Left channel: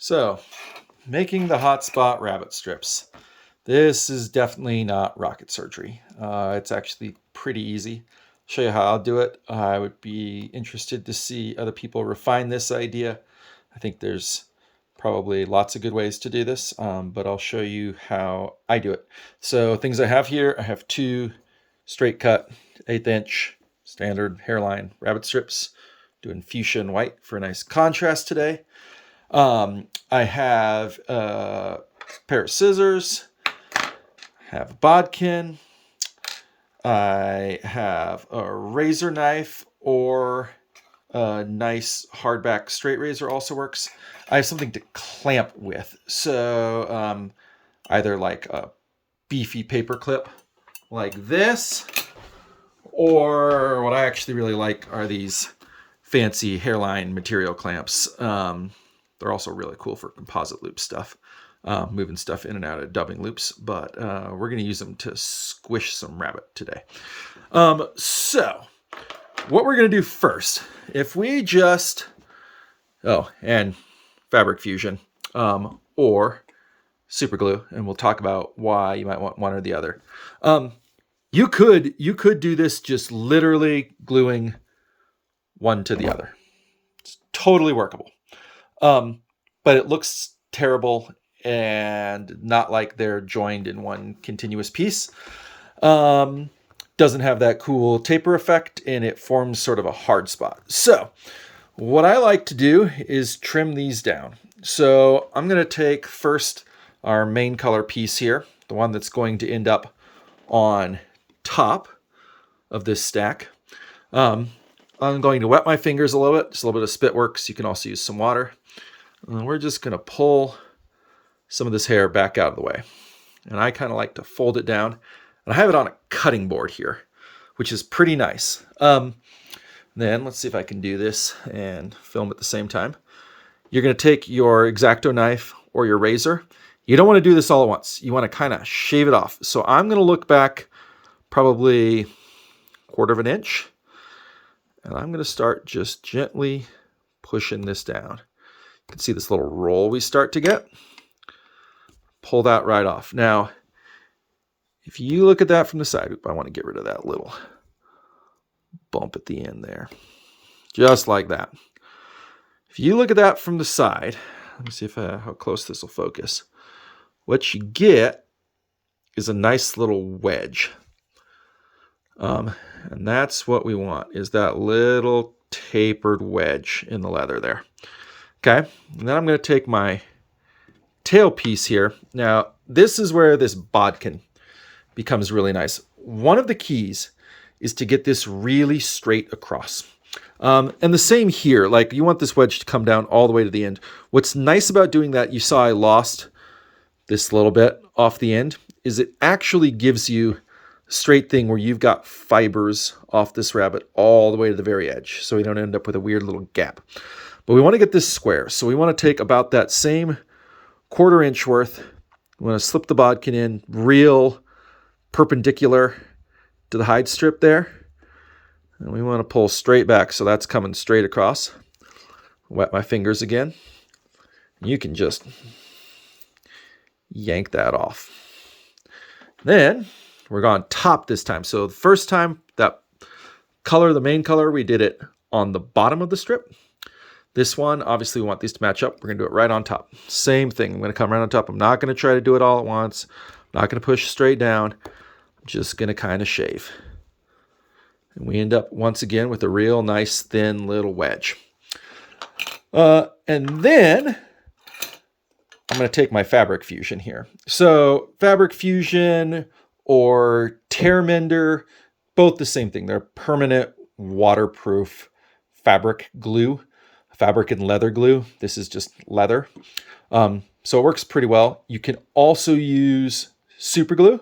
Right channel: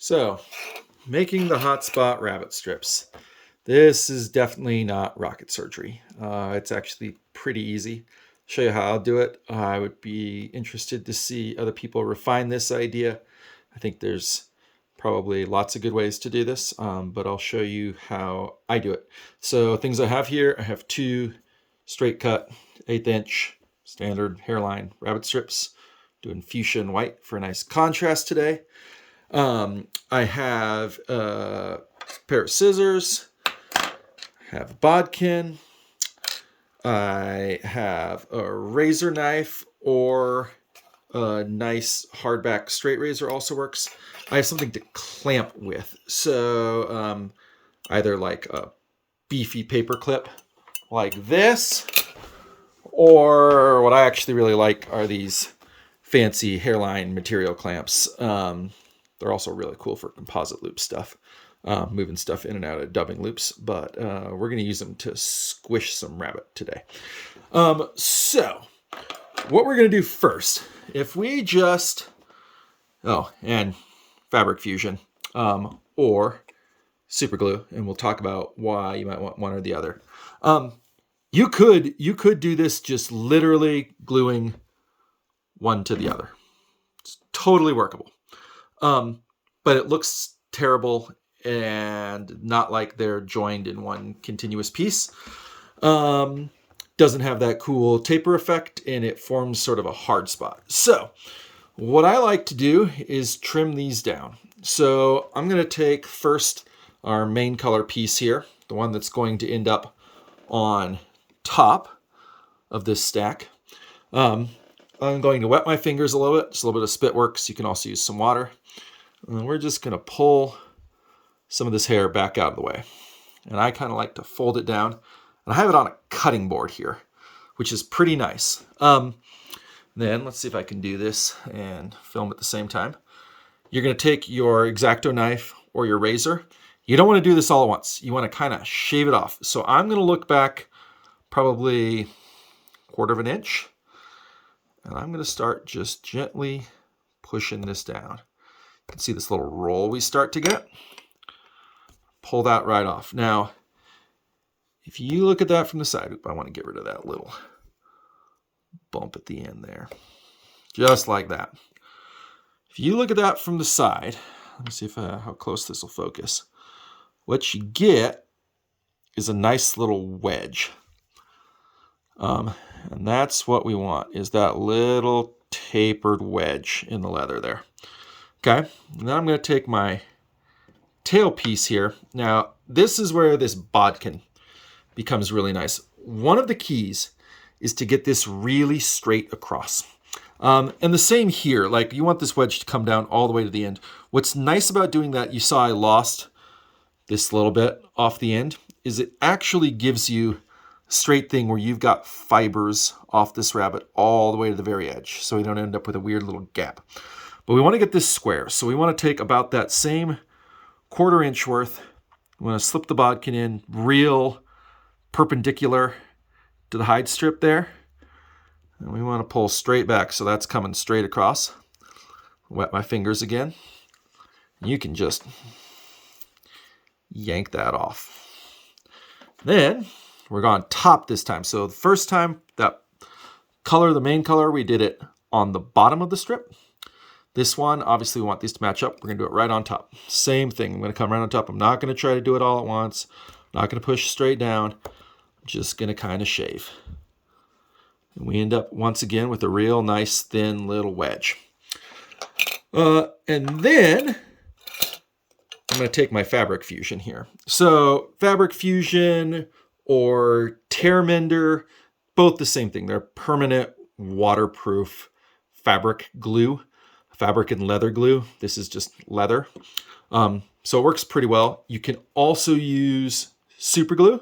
So, making the hotspot rabbit strips. This is definitely not rocket surgery. It's actually pretty easy. Show you how I'll do it. I would be interested to see other people refine this idea. I think there's probably lots of good ways to do this, but I'll show you how I do it. So things I have here, I have two straight cut 1/8 inch standard hairline rabbit strips, doing fuchsia and white for a nice contrast today. I have a pair of scissors, have a bodkin, I have a razor knife, or a nice hardback straight razor also works. I have something to clamp with, so either like a beefy paper clip like this, or what I actually really like are these fancy hairline material clamps. They're also really cool for composite loop stuff, moving stuff in and out of dubbing loops, but we're going to use them to squish some rabbit today. So what we're going to do first, if we just, and Fabric Fusion, or super glue, and we'll talk about why you might want one or the other. You could do this just literally gluing one to the other. It's totally workable. But it looks terrible and not like they're joined in one continuous piece. Doesn't have that cool taper effect, and it forms sort of a hard spot. So what I like to do is trim these down. So I'm going to take first our main color piece here, the one that's going to end up on top of this stack. I'm going to wet my fingers a little bit, just a little bit of spit works. You can also use some water. And we're just going to pull some of this hair back out of the way. And I kind of like to fold it down. And I have it on a cutting board here, which is pretty nice. Then let's see if I can do this and film at the same time. You're going to take your X-Acto knife or your razor. You don't want to do this all at once. You want to kind of shave it off. So I'm going to look back probably 1/4 inch. And I'm going to start just gently pushing this down. You can see this little roll we start to get. Pull that right off. Now, if you look at that from the side, I want to get rid of that little bump at the end there. Just like that. If you look at that from the side, let me see if how close this will focus. What you get is a nice little wedge. And that's what we want, is that little tapered wedge in the leather there. Okay, and then I'm going to take my tail piece here. Now, this is where this bodkin becomes really nice. One of the keys is to get this really straight across. And the same here, like you want this wedge to come down all the way to the end. What's nice about doing that, you saw I lost this little bit off the end, is it actually gives you a straight thing where you've got fibers off this rabbit all the way to the very edge, so you don't end up with a weird little gap. But we want to get this square, so we want to take about that same 1/4 inch worth. We want to slip the bodkin in real perpendicular to the hide strip there. And we want to pull straight back, so that's coming straight across. Wet my fingers again. You can just yank that off. Then we're going top this time. So the first time, that color, the main color, we did it on the bottom of the strip. This one, obviously we want these to match up. We're going to do it right on top. Same thing. I'm going to come right on top. I'm not going to try to do it all at once. I'm not going to push straight down. I'm just going to kind of shave. And we end up once again with a real nice thin little wedge. And then I'm going to take my Fabric Fusion here. So Fabric Fusion or Tear Mender, both the same thing. They're permanent waterproof fabric glue. Fabric and leather glue. This is just leather. So it works pretty well. You can also use super glue.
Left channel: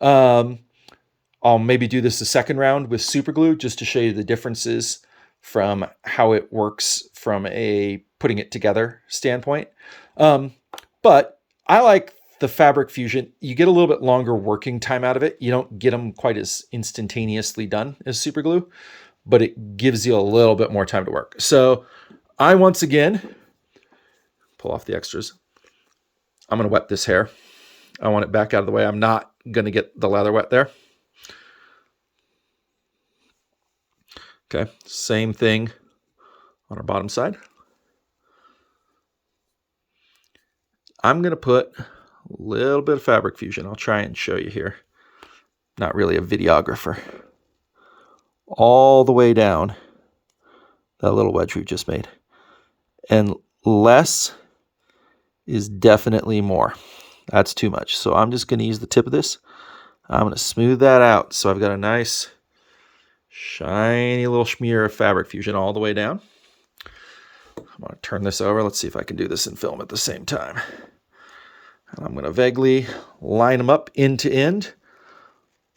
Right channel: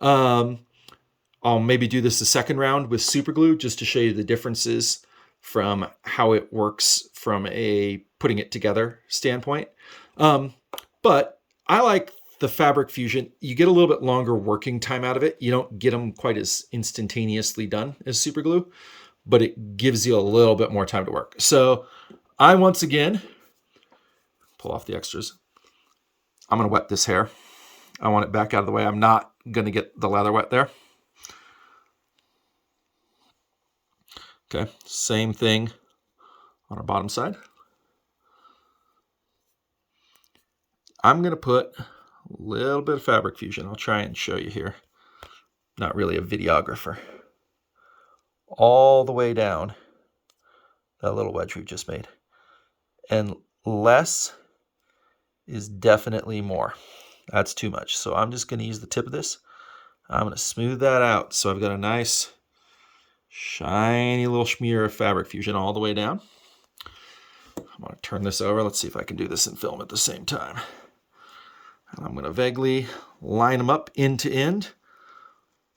I'll maybe do this a second round with super glue just to show you the differences from how it works from a putting it together standpoint. But I like the Fabric Fusion. You get a little bit longer working time out of it. You don't get them quite as instantaneously done as super glue, but it gives you a little bit more time to work. So I once again pull off the extras. I'm going to wet this hair. I want it back out of the way. I'm not going to get the leather wet there. Okay, same thing on our bottom side. I'm going to put a little bit of Fabric Fusion. I'll try and show you here. Not really a videographer. All the way down that little wedge we've just made. And less is definitely more. That's too much. So I'm just going to use the tip of this. I'm going to smooth that out. So I've got a nice shiny little smear of Fabric Fusion all the way down. I'm going to turn this over. Let's see if I can do this in film at the same time. And I'm going to vaguely line them up end to end,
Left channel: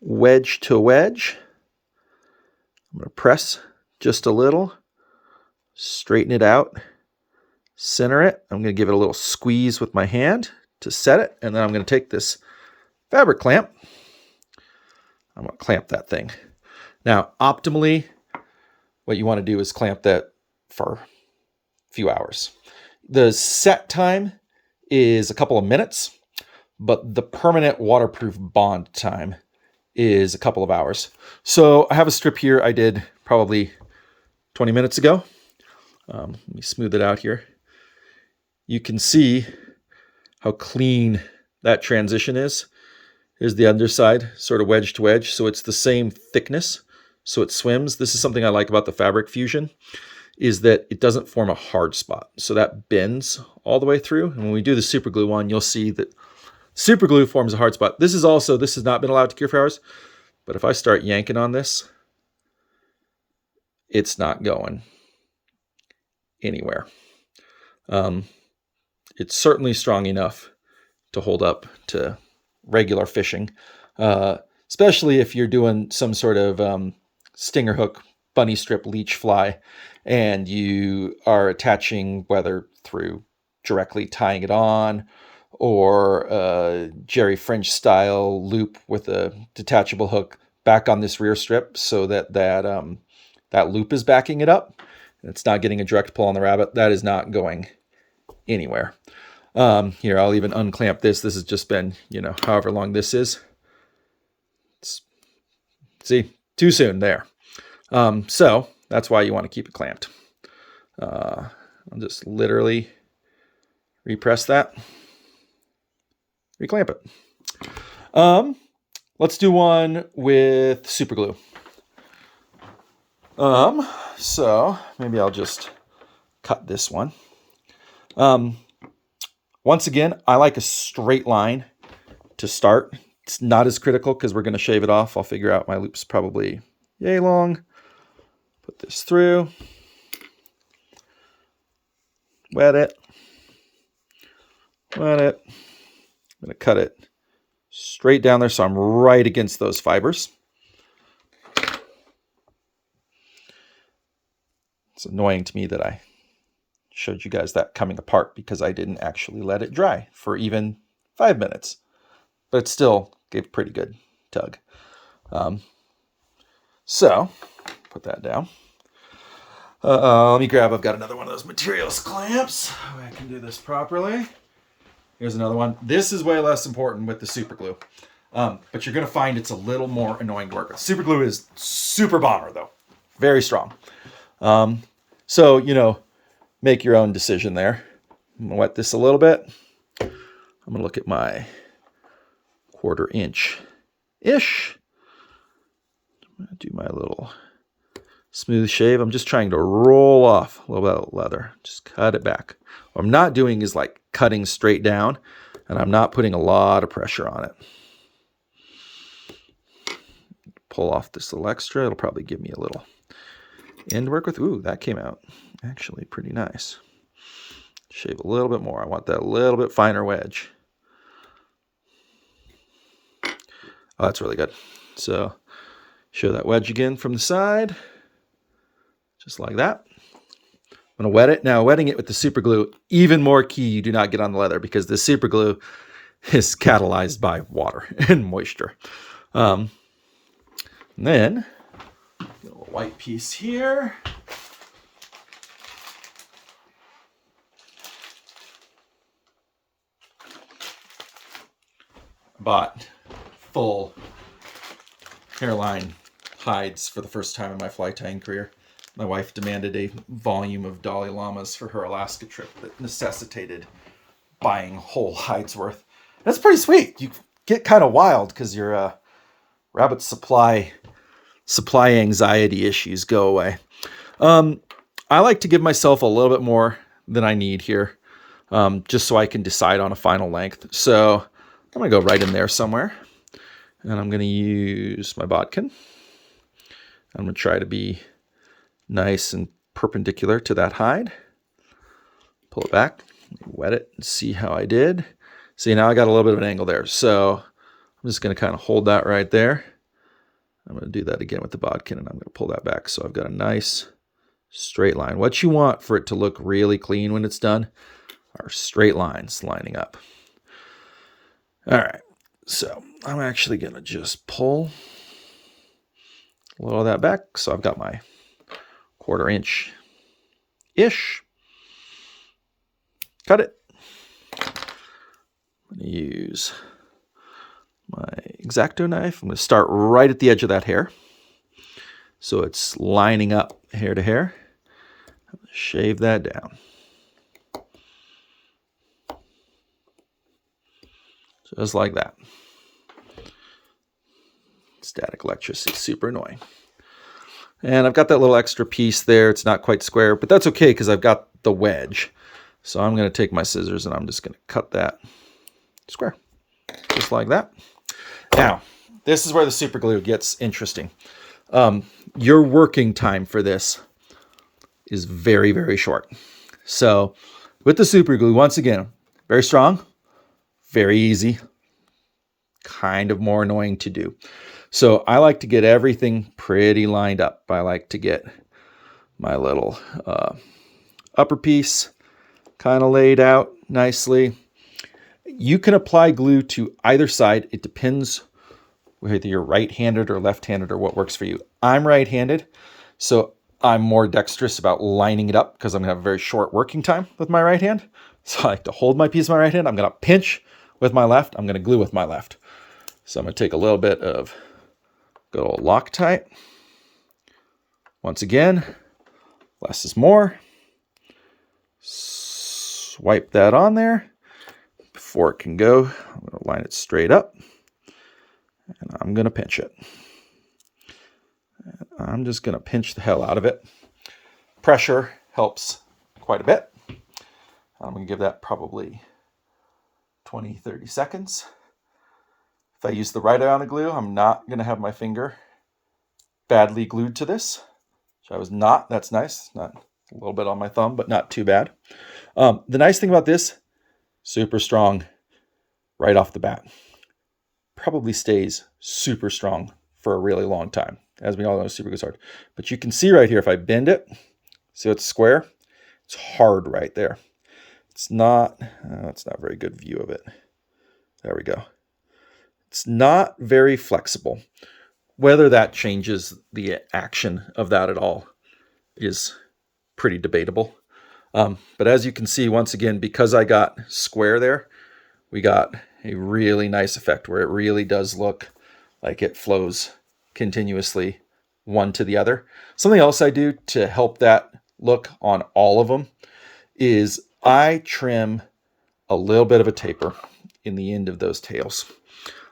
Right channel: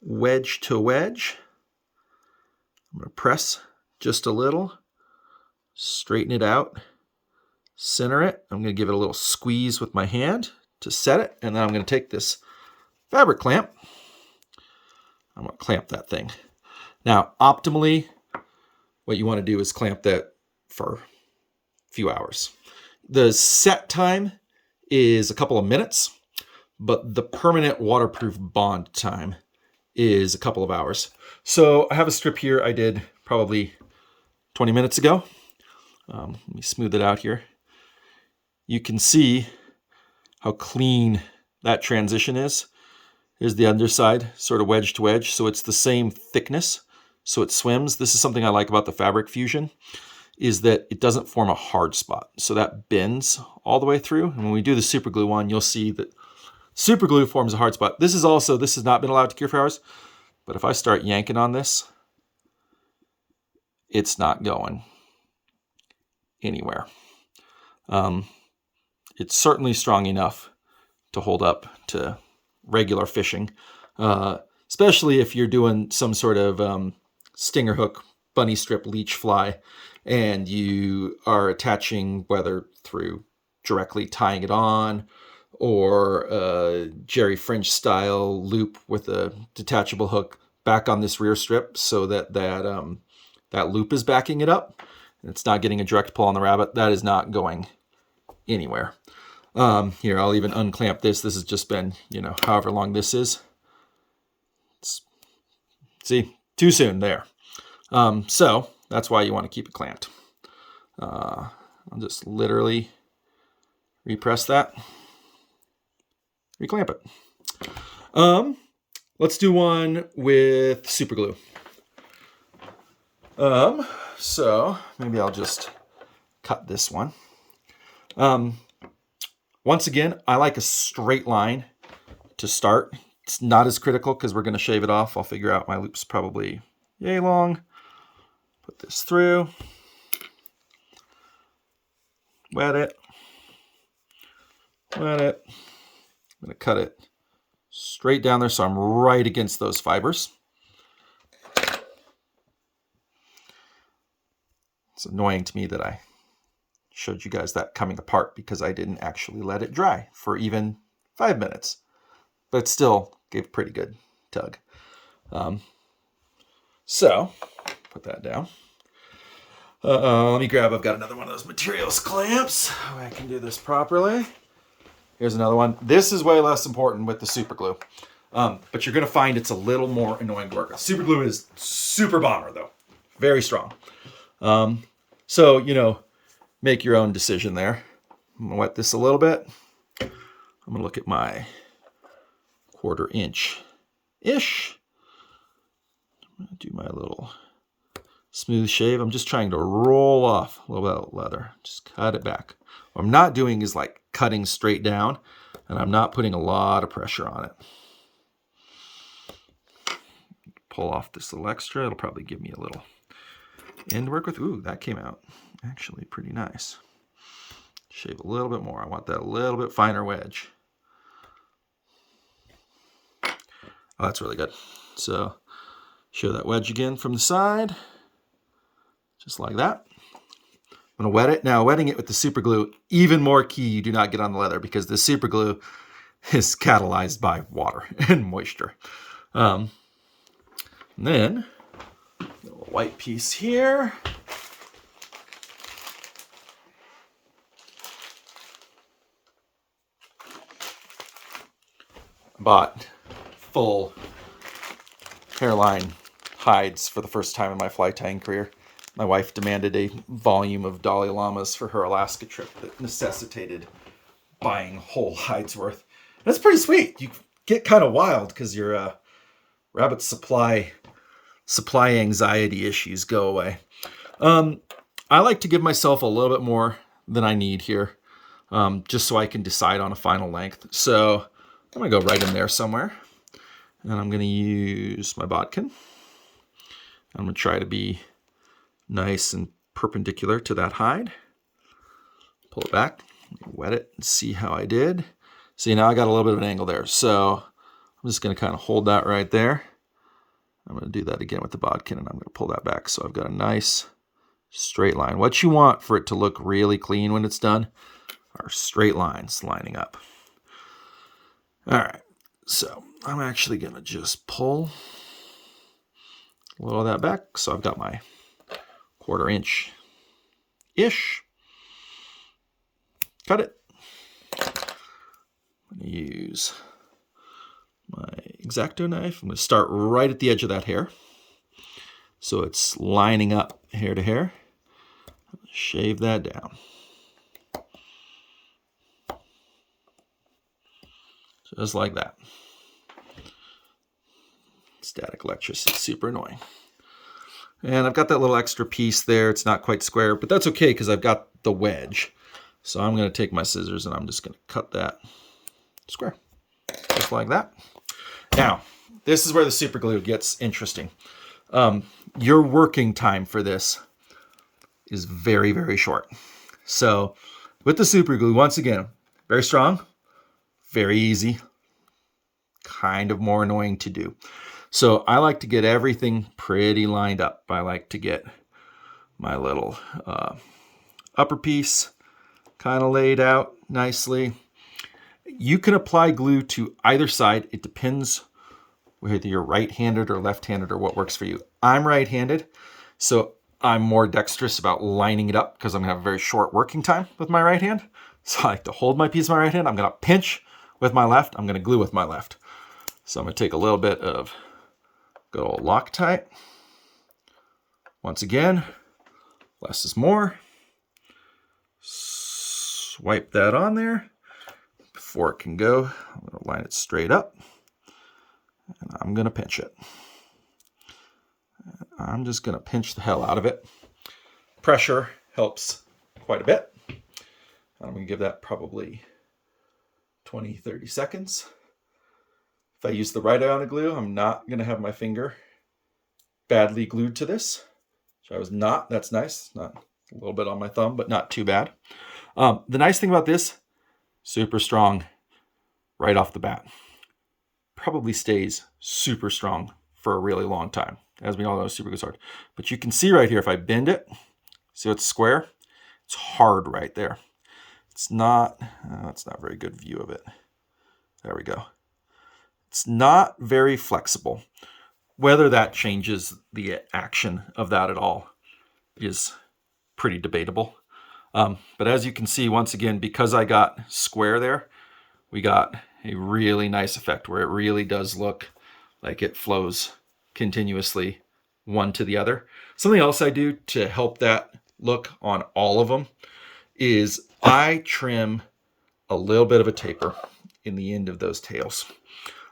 wedge to wedge. I'm going to press just a little, straighten it out, center it. I'm going to give it a little squeeze with my hand to set it. And then I'm going to take this fabric clamp. I'm going to clamp that thing. Now, optimally, what you want to do is clamp that for a few hours. The set time is a couple of minutes, but the permanent waterproof bond time is a couple of hours. So I have a strip here I did probably 20 minutes ago. Let me smooth it out here. You can see how clean that transition is. Here's the underside, sort of wedge to wedge. So it's the same thickness, so it swims. This is something I like about the Fabric Fusion, is that it doesn't form a hard spot. So that bends all the way through. And when we do the super glue one, you'll see that super glue forms a hard spot. This has not been allowed to cure for hours, but if I start yanking on this, it's not going anywhere. It's certainly strong enough to hold up to regular fishing, especially if you're doing some sort of stinger hook, bunny strip, leech fly, and you are attaching, whether through directly tying it on or a Jerry French style loop with a detachable hook back on this rear strip so that that loop is backing it up. It's not getting a direct pull on the rabbit. That is not going anywhere. Here, I'll even unclamp this. This has just been, however long this is. See, too soon there. So that's why you want to keep it clamped. I'll just literally repress that, reclamp it. Let's do one with super glue. So maybe I'll just cut this one. Once again, I like a straight line to start. It's not as critical because we're going to shave it off. I'll figure out my loop's probably yay long. Put this through. Wet it. Wet it. I'm going to cut it straight down there so I'm right against those fibers. It's annoying to me that I showed you guys that coming apart because I didn't actually let it dry for even 5 minutes. But it still gave a pretty good tug. So, put that down. Let me grab, I've got another one of those materials clamps. I can do this properly. Here's another one. This is way less important with the super glue. But you're going to find it's a little more annoying to work with. Super glue is super bomber though. Very strong. So, make your own decision there. I'm going to wet this a little bit. I'm going to look at my 1/4 inch-ish. I'm going to do my little smooth shave. I'm just trying to roll off a little bit of leather. Just cut it back. What I'm not doing is like cutting straight down, and I'm not putting a lot of pressure on it. Pull off this little extra. It'll probably give me a little end to work with. Ooh, that came out actually pretty nice. Shave a little bit more. I want that little bit finer wedge. Oh, that's really good. So show that wedge again from the side. Just like that. I'm going to wet it. Now, wetting it with the super glue, even more key you do not get on the leather because the super glue is catalyzed by water and moisture. And then, a little white piece here. bought full hairline hides for the first time in my fly tying career. My wife demanded a volume of Dalai Lamas for her Alaska trip that necessitated buying whole hides worth. That's pretty sweet. You get kind of wild because your rabbit supply anxiety issues go away. I like to give myself a little bit more than I need here, just so I can decide on a final length. So I'm going to go right in there somewhere. And I'm going to use my bodkin. I'm going to try to be nice and perpendicular to that hide. Pull it back, wet it, and see how I did. See, now I got a little bit of an angle there. So I'm just going to kind of hold that right there. I'm going to do that again with the bodkin, and I'm going to pull that back. So I've got a nice straight line. What you want for it to look really clean when it's done are straight lines lining up. All right, so I'm actually going to just pull a little of that back. So I've got my 1/4 inch-ish. Cut it. I'm going to use my X-Acto knife. I'm going to start right at the edge of that hair. So it's lining up hair to hair. I'm going to shave that down. Just like that. Static electricity is super annoying. And I've got that little extra piece there. It's not quite square, but that's okay because I've got the wedge. So I'm going to take my scissors and I'm just going to cut that square. Just like that. Now, this is where the super glue gets interesting. Your working time for this is very, very short. So with the super glue, once again, very strong, very easy, kind of more annoying to do. So I like to get everything pretty lined up. I like to get my little upper piece kind of laid out nicely. You can apply glue to either side. It depends whether you're right-handed or left-handed or what works for you. I'm right-handed, so I'm more dexterous about lining it up because I'm going to have a very short working time with my right hand. So I like to hold my piece with my right hand. I'm going to pinch with my left. I'm going to glue with my left. So I'm going to take a little bit of good old Loctite. Once again, less is more. Swipe that on there. Before it can go, I'm going to line it straight up. And I'm going to pinch it. And I'm just going to pinch the hell out of it. Pressure helps quite a bit. I'm going to give that probably 20-30 seconds. If I use the right amount of glue, I'm not going to have my finger badly glued to this. Which I was not. That's nice. Not a little bit on my thumb, but not too bad. The nice thing about this, super strong right off the bat. Probably stays super strong for a really long time. As we all know, super glue's hard. But you can see right here, if I bend it, so it's square, it's hard right there. It's not a very good view of it. There we go. It's not very flexible. Whether that changes the action of that at all is pretty debatable. But as you can see, once again, because I got square there, we got a really nice effect where it really does look like it flows continuously one to the other. Something else I do to help that look on all of them is I trim a little bit of a taper in the end of those tails.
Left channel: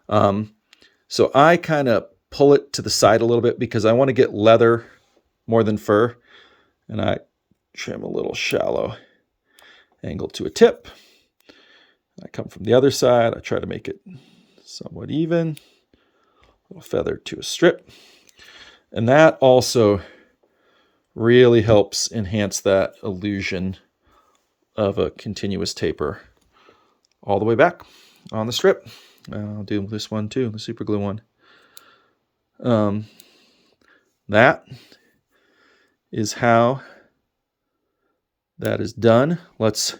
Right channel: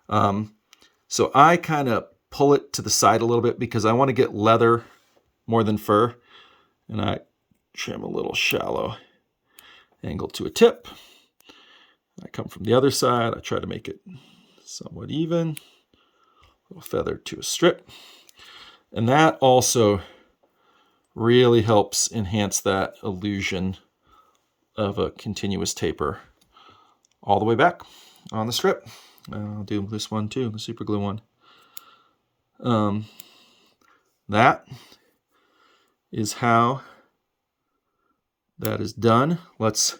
So I kind of pull it to the side a little bit because I want to get leather more than fur. And I trim a little shallow angle to a tip. I come from the other side. I try to make it somewhat even. A little feather to a strip. And that also really helps enhance that illusion of a continuous taper all the way back on the strip. I'll do this one too, the super glue one. That is how that is done. Let's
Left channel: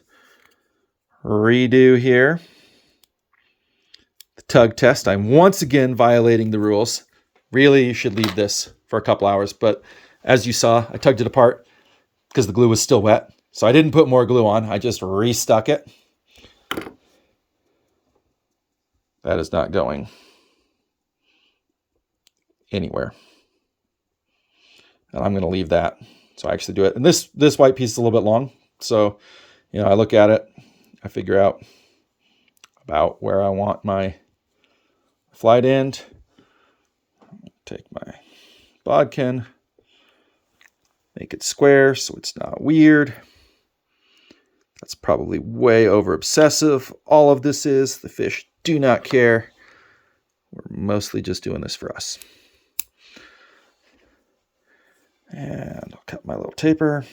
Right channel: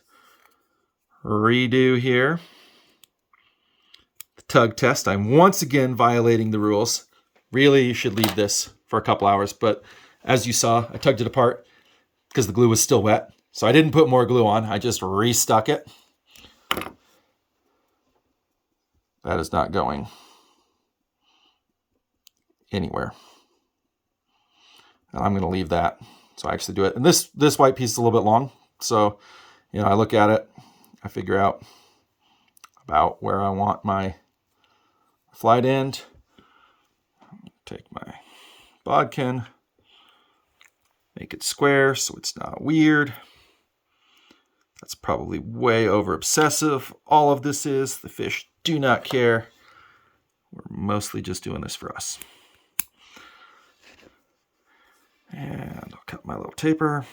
redo here. The tug test. I'm once again violating the rules. Really, you should leave this for a couple hours, but as you saw, I tugged it apart because the glue was still wet. So I didn't put more glue on. I just restuck it. That is not going anywhere. And I'm going to leave that. So I actually do it. And this white piece is a little bit long. So, I look at it, I figure out about where I want my flight end. Take my bodkin, make it square so it's not weird. That's probably way over obsessive. All of this is, the fish do not care. We're mostly just doing this for us. And I'll cut my little taper.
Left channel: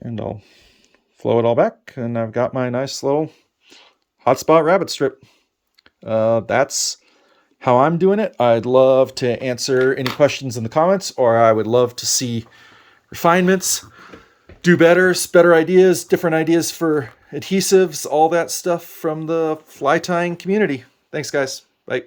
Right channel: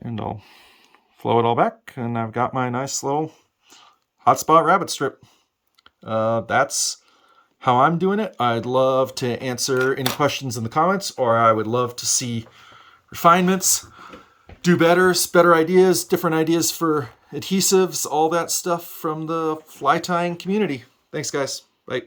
And I'll flow it all back, and I've got my nice little hotspot rabbit strip. That's how I'm doing it. I'd love to answer any questions in the comments, or I would love to see refinements, do better ideas, different ideas for adhesives, all that stuff from the fly tying community. Thanks, guys. Bye.